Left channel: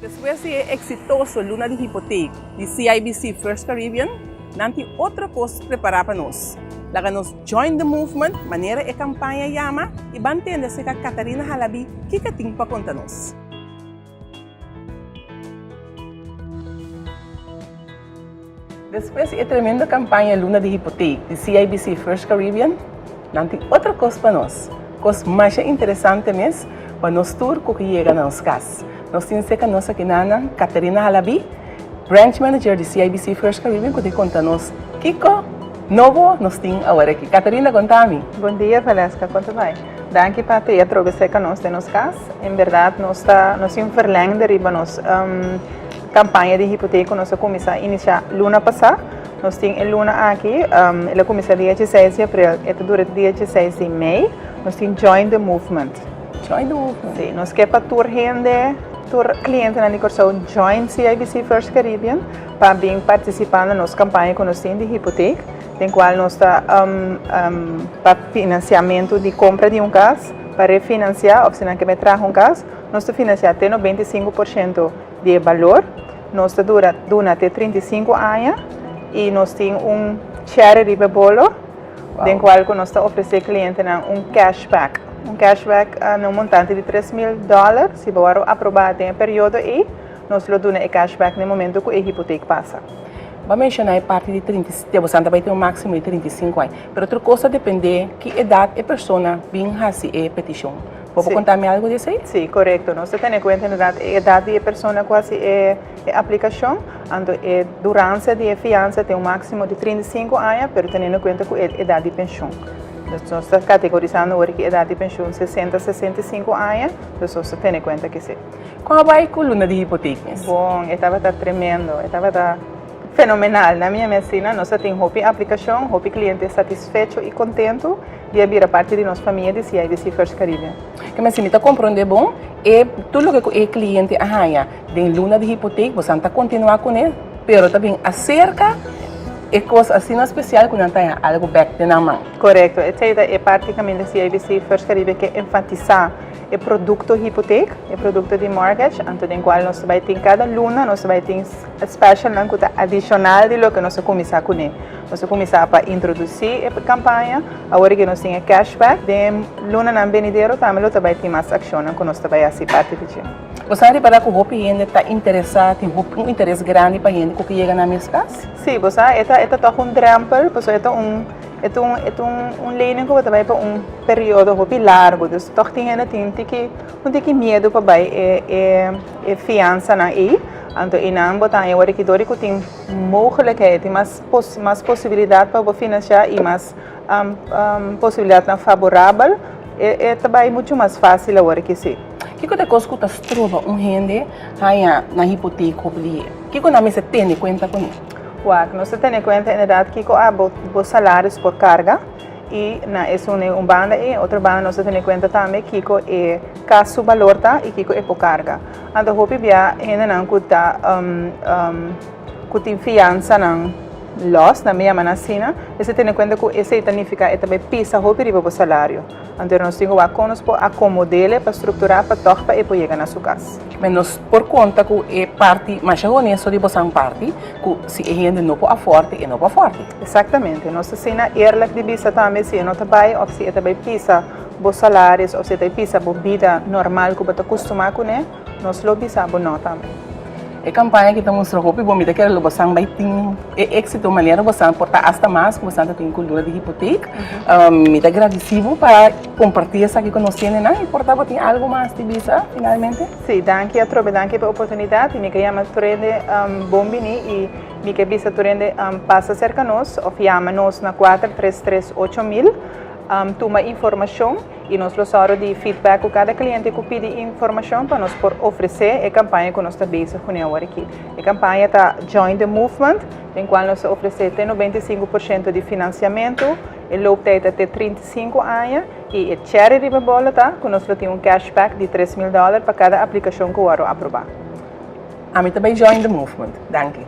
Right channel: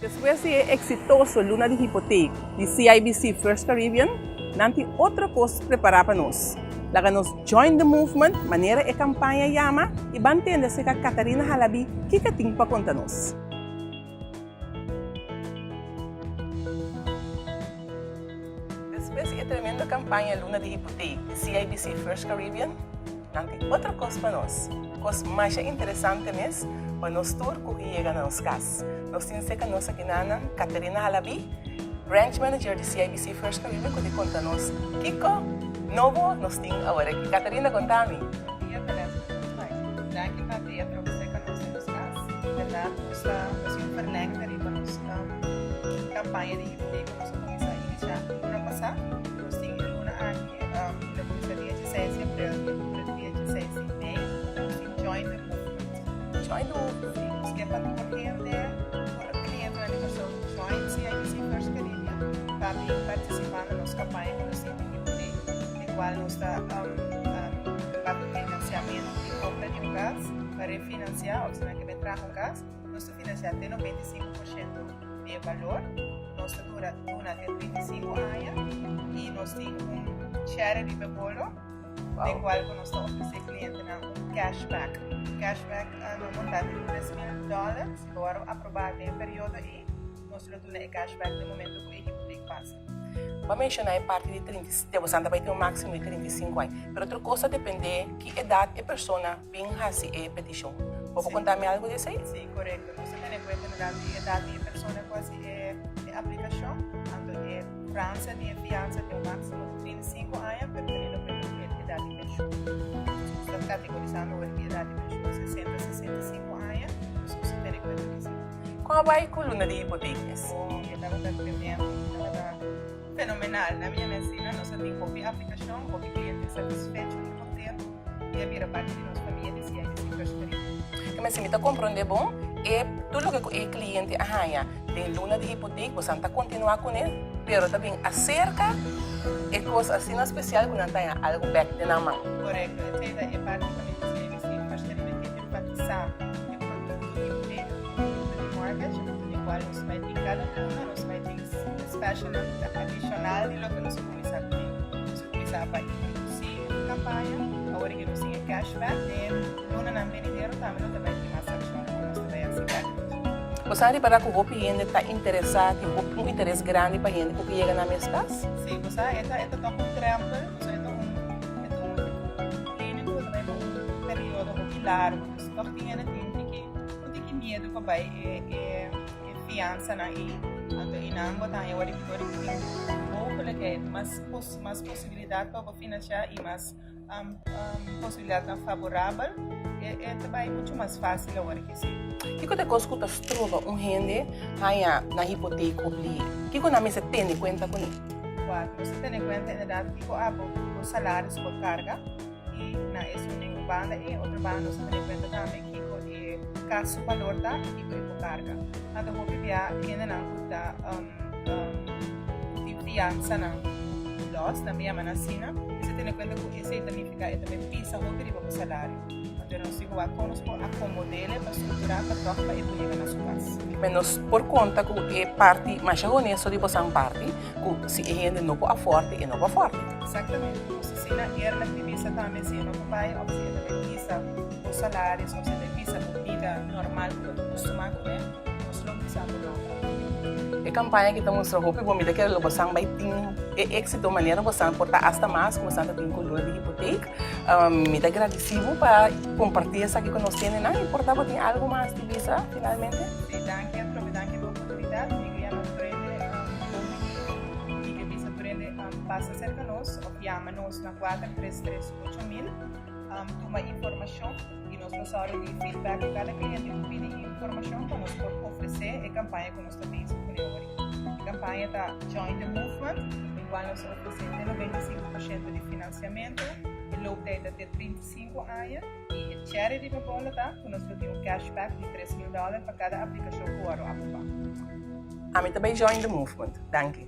Después de exitoso Luna de Hipoteca de CIBC First Caribbean, nanti outra coisa preparar para nós. Laga nos join the movement, maneira e campanha yama, e mantendo-se com a Catarina Halabi, que tem para contar nos. Depois da tremenda campanha Luna de Hipoteca de CIBC First Caribbean, nanti outra coisa para nós. Coisa mais interessante mesmo, para nós tour que chega nas casas. Nós temos que nossa quinana Catarina Halabi, Branch Manager de CIBC First Caribbean, que conta nos Kiko, novo nós temos agora aqui. Catarina, conta-me. Bom dia, Valesca, quanto vai? Danke, Patria, trouxe que nós temos casa. Em verdade, nós temos verlengde riba nos campanha de hipoteca, nós começamos a iniciar Luna passada. Nós temos a Luna aqui, ela começa dia 16 de abril, e dura dia 16 de maio. Nós temos Join the Movement. Join the Movement. Sim, nós queremos para tour gente, tour cliente na Nicorção Join CIBC First Caribbean para vir participar na nossa campanha que nós temos de hipoteca, em qual nós está para financiamento de compra de casa, para refinanciar, ou se não quer trazer casa, nós está financiar até 95% de valor, nós está dura até 35 anos e nós temos charity bolo, em qual nós está oferecendo cliente cashback. Cashback no montante de $3,000, se for aprovado em período e nós lhe damos o cashback no momento que a hipoteca passa. Vamos mencionar a parte de 30, você vai ter um máximo de 35 anos, mas outra coisa depende de que idade a pessoa vem fazer a petição. Pode contar-me algo disso aí? Sim, correto. Nós temos em conta a idade da pessoa que faz a aplicação, a durância de fiança tem um máximo de 35 anos, mas tendo em conta a idade de pensão. Nós estamos categorizando hoje que a idade de pensão 60 a 65 anos, nós estamos tendo em conta que sim. Como vai com a Luna de hipotecas? Bom, estava tremendo, estava fenomenal. Na minha medicina, nós temos a aplicação, o cliente satisfeito e contente de vir a parte de nossa família de CIBC First Caribbean. Que me sinta compreender bom, e tudo o que o cliente arranha de Luna de hipoteca, você está continuar com ele, mas também acerca e coisa assim especial quando tem algo back na mão. Correto. Essa é praticamente a CIBC First Caribbean que enfatizar o produto hipoteca, o produto de mortgage, então em qual nós vai ter cada luna, nós vai ter special adicional de lo que nós começar com ele. Nós começar para introduzir a campanha, agora que nós temos cashback, de luna na venidero também nós vai ter mais ação que nós vai fazer parte de isso. Você sabe para que o cliente está interessado, tem um interesse grande para ele que chega na minha casa? Sim, você é trampo, você é lening que você vai para período largo, então toch tem que medo para vai fiança na aí, então inaan botar aí agora que tem mogelijkheid, tem mais possibilidade para financiar e mais possibilidade favorável, é também muito mais fácil agora que sim. Que coisa que você trova gente na hipoteca obliga? Que coisa você tem em conta com ele? Nós temos em conta, na verdade, que há os salários por carga e esse é banda e outra banda nós temos em conta também que é caso valor e que é por carga. Então, hope via ainda não que tem fiança não loss na minha manacina, você tem em conta que esse significa também pisa hope riba o salário. Então, nós temos a conos para acomodar, para estruturar, para torpa e para chegar na sua casa. Mas por conta que é parte, mas é honesto de você parte, que se a gente não pode forte, não pode forte. Exatamente. Nós temos eerlijk de visa também, se não trabalha, ou se também pisa os salários, ou se também pisa a vida normal que você acostuma com ele, nós lo pisa a não também. A campanha que estamos mostrando, bom, me dá que você vai ter êxito, maneira você portar hasta mais, que você tem cultura de hipoteca, me dá agradecido para compartilhar isso aqui com nós, né? E portar tem algo mais de visa, finalmente. Sim, danke pela oportunidade, me chama Turende Bombini e me que visa Turende passa cerca nós, ou chama-nos na 4338000. Toma informação e nós usamos de feedback com cada cliente que pede informação para nós oferecer a campanha que nós estamos fazendo aqui. A campanha está Join the Movement, em qual nós oferecemos até 95% de financiamento, o loop até 35 anos e a charity bola tá, que nós temos cashback de $3,000 para cada aplicação que o aprovar. A mim também Join the Movement. Danke.